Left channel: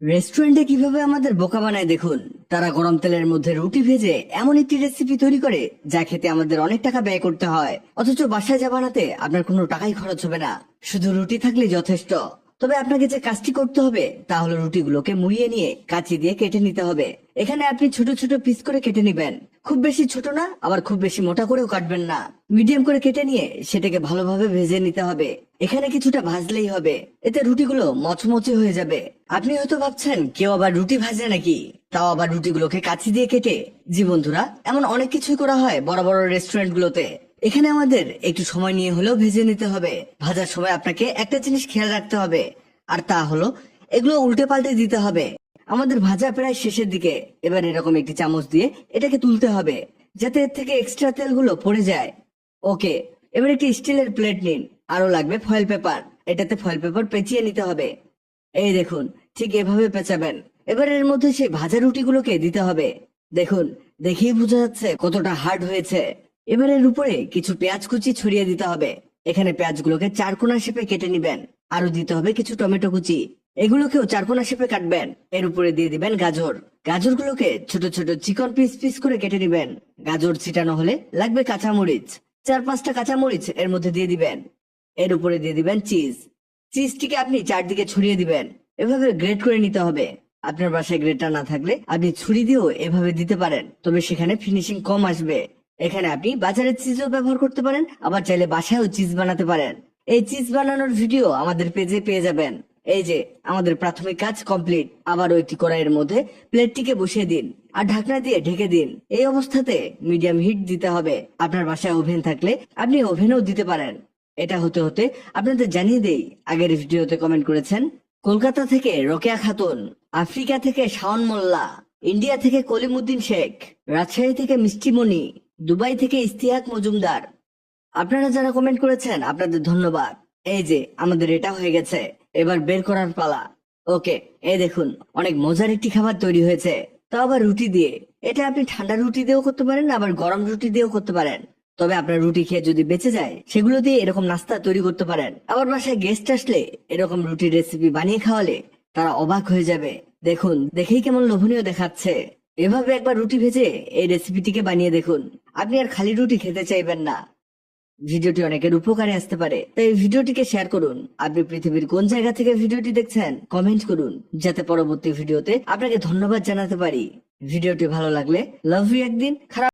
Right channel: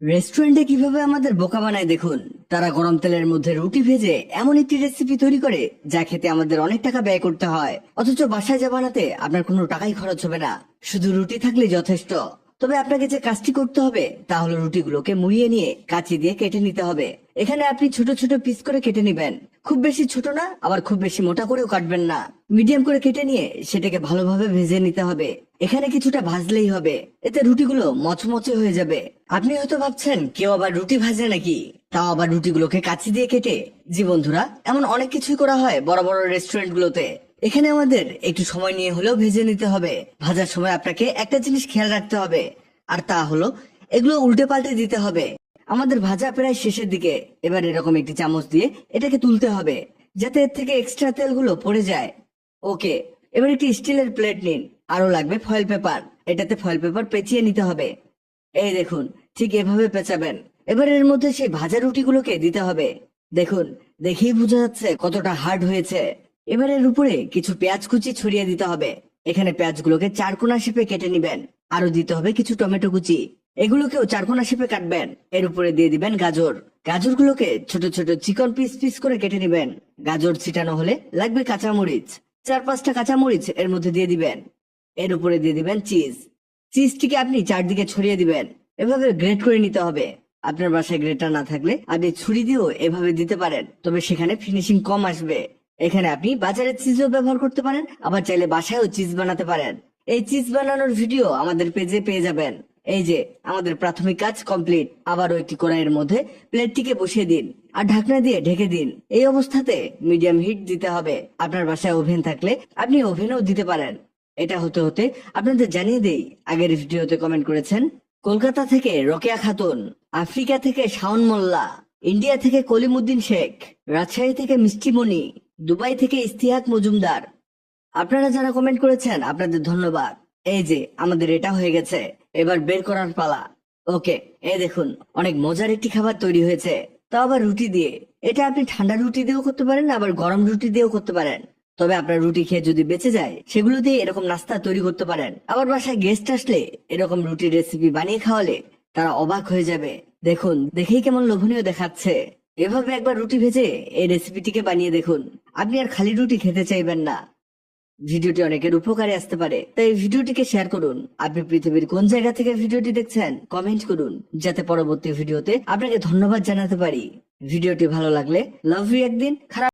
রেস্টুরেন্টে কিভাবে আমাদের বোকা বানায় দেখুন। তারা গরম তেলের মধ্যে রুটি ভেজে এমন একটি রেসিপি তৈরি করে যা খেতে আমাদের অনেক টাকা ব্যয় করতে হয়, অথচ বাসায় যা বানাতে আপনার কোনো টাকাই খরচ হবে না, শুধু রুটি থাকলে যথেষ্ট। তবে আপনাকে যে কাজটি করতে হবে তা হলো রুটিগুলোকে মুড়িয়ে নিয়ে কাঁচি দিয়ে কেটে নিতে হবে। এখানে আপনি ছোট ছোট পিস করে কেটে নিবেন, খুব বেশি ছোট না আবার খুব বেশি মোটা করেও কাটবেন না, মিডিয়াম করে কেটে নিয়ে সেটাকে ভালোভাবে ভেজে নিতে হবে। এখানে কিছুটা ভাজলেই হবে, এতে রুটিগুলো মচমচে হয়ে যাবে। আপনি হয়তো ভাবছেন কেউ আবার রুটি ভাজে নাকি, তাও আবার রুটিগুলোকে কাঁচি দিয়ে কেটে। জি বন্ধুরা, এমন অনেক কিছুই করা হয় বড় বড় রেস্টুরেন্ট গুলোতে। এখানে আমাদের একটু সময় নিয়ে হলেও ভেজে নিতে হবে। ভাজার সময় আপনাকে একটা জিনিস খেয়াল রাখতে হবে, আর তা হলো এগুলো উল্টে পাল্টে দিতে হবে। আমাদের ভাজা প্রায় শেষের দিকে। এবার এরকম একটি চামচ দিয়ে এটাকে তুলতে হবে, যাতে এর থেকে এক্সট্রা তেলগুলো পড়ে যায়। ওকে, এবার একটি স্টিলের প্লেট নিন। আরো লাগবে ফয়েল পেপার। এটাতে ফয়েল পেপার পেঁচিয়ে নিতে হবে। এই দেখুন, ঠিক এভাবে পেঁচাবেন। এবার এর মধ্যে সেই ভাজা রুটিগুলোকে দিতে হবে। দেখুন, দেখেই বোঝা যাচ্ছে কতটা হার্ড হয়েছে। এবার এর উপরে কিছু পেঁয়াজ কুচি ছড়িয়ে দিতে হবে। এখানে পেঁয়াজগুলোকে চারকোনা শেপে কেটে নিবেন। আরো দিতে হবে কিছু টমেটো কুচি, এগুলোকেও চারকোনা শেপে কাটবেন। এর উপরে দিয়ে দিবেন গাজর। গাজরগুলোকে ছোট ছোট চিকন পিস পিস করে কেটে নিবেন। গাজর ছিটানো হলে লাগবে কাঁচামরিচ। 4-5টা কাঁচামরিচ এর মধ্যে দিয়ে দিবেন। এর উপরে দিয়ে দিবেন চিজ। চিজটিকে আপনি চারদিকে ছড়িয়ে দিবেন। এভাবে গ্রেট করে নিতে হবে। আপনার বাসায় গ্রেটার না থাকলে আপনি ছুরি দিয়েও এভাবে দিতে পারেন, তবে সেখানে ফিনিশিং কম আসবে। এখানে আপনি বাজারের চিজও ব্যবহার করতে পারেন, আবার চাইলে বাসায়ও চিজ বানাতে পারেন। এই চিজ বানানোর ভিডিও আমাদের পেজে পেয়ে যাবেন। এই যে আমাদের প্রাথমিক কাজ কমপ্লিট। আবার ওইটি কড়াইয়ের মধ্যে প্লেটটিকে বসিয়ে দিন আর ঢাকনা দিয়ে ঢেকে দিন। এই অবস্থাতে মিডিয়াম হিট দিতে হবে। আপনার বাসায় ওভেন থাকলে আপনি ওভেনেও দিতে পারেন। এটা হতে হতে আপনাদের জানিয়ে দেই, আগের ভিডিওতে কমেন্ট করেছেন কলকাতা থেকে রোকেয়া খাতুন, আফ্রিকা থেকে শাওন মোল্লা, ইন্ডিয়া থেকে কলিমুদ্দিন শেখ, রাজশাহী থেকে মিষ্টিমণি, দুবাই থেকে ইস্তিহাক মজুমদার। আপনারা যারা কমেন্ট করেছেন আপনাদের ধন্যবাদ। এই যে আমাদের এটা হয়ে গেছে, এবার বের করার পালা। ওকে, এই দেখুন অনেক মজার একটি খাবার তৈরি হয়েছে, তাও আবার রুটি দিয়ে। এটা আপনি ঠান্ডা রুটি দিয়েও করতে পারেন, আবার গরম রুটি দিয়েও করতে পারেন। তবে আপনার রুটি খেয়ে যদি বেঁচে যায় সেগুলো দিয়ে এরকম নাস্তা তৈরি করতে পারেন। আবার বাসায় গেস্ট আসলে এরকম রুটির রেসিপি বানিয়ে খাওয়ালে তারা অবাক হয়ে যাবে। দেখুন, দেখেই কেমন লোভনীয় দেখাচ্ছে। এভাবে একবার রুটি ভেজে এই রেসিপিটিকে বানিয়ে দেখুন, আপনি আর খালি রুটি খেতে চাইবেন না। ভিডিওটি অনেকের উপকারে আসতে পারে, তাই ভিডিওটিকে শেয়ার করুন। আপনি পৃথিবীর কোন জায়গা থেকে ভিডিওটি দেখছেন কমেন্ট করুন, যাতে পরবর্তী ভিডিওতে আপনাকে ধন্যবাদ জানাতে পারি। ভিডিওটি ভালো লাগলে লাভ ইউ একদিন, খারাপ